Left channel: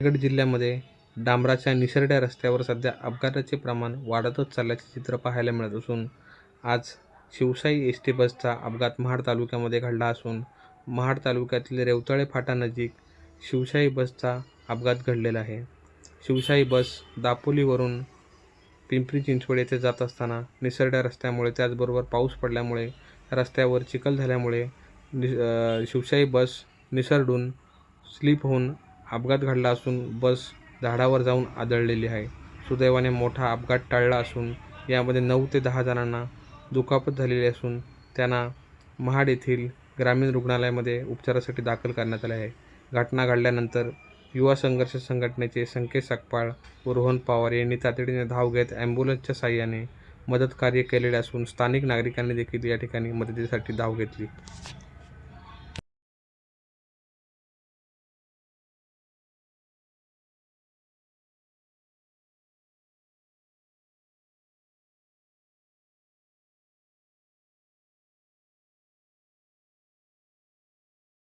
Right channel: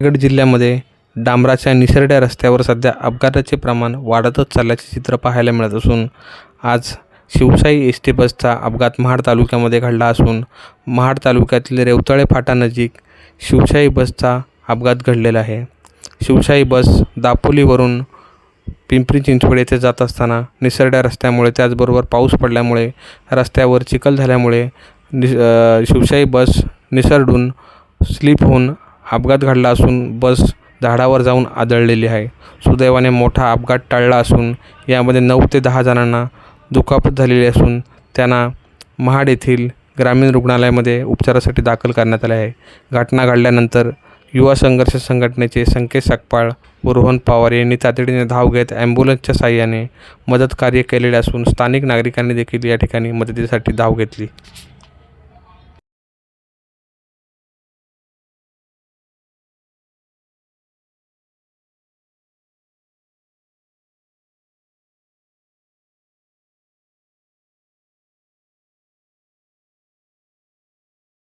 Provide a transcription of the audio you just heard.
रायगड जिल्ह्यामध्ये डांबराच्या निसरड्या रस्त्यावर सध्या अपघाताचे प्रमाण वाढतच चालल्याचे चित्र पाहायला मिळत असून आज शिवशाही एस टी बसचा अपघात महाड तालुक्यामध्ये घडला असून महाड तालुक्यातील रेवतळे फाटानजीक शिवशाही बसचा अपघात घडलेला आहे. शिवशाही बस दापोलीवरून पिंपरी चिंचवड येथे जात असताना निसरड्या रस्त्यामुळे त्याचबरोबर पाऊस पडल्यामुळे रस्त्यावर चिखल झाल्यामुळे नि शिवशाही बस निसरडून स्लिप होऊन अपघात घडला असून बस झाडावर जाऊन आदळलेली आहे. सुदैवाने मोठा अपघात टळला असून यामध्ये नऊ ते दहा जणांना दुखापत झालेली असून त्यांना महाड येथील ग्रामीण रुग्णालयामध्ये उपचारासाठी दाखल करण्यात आले आहे. घटना घडल्यानंतर युवा संघर्ष संघटनेचे संकेत सकपाळ व रोहन पवार यांनी तातडीने धाव घेत ॲम्ब्युलन्सच्या साह्याने मदत कार्य केलेले असून स्थानिक नागरिकांनी देखील या ठिकाणी मदतीसाठी धाव घेतली.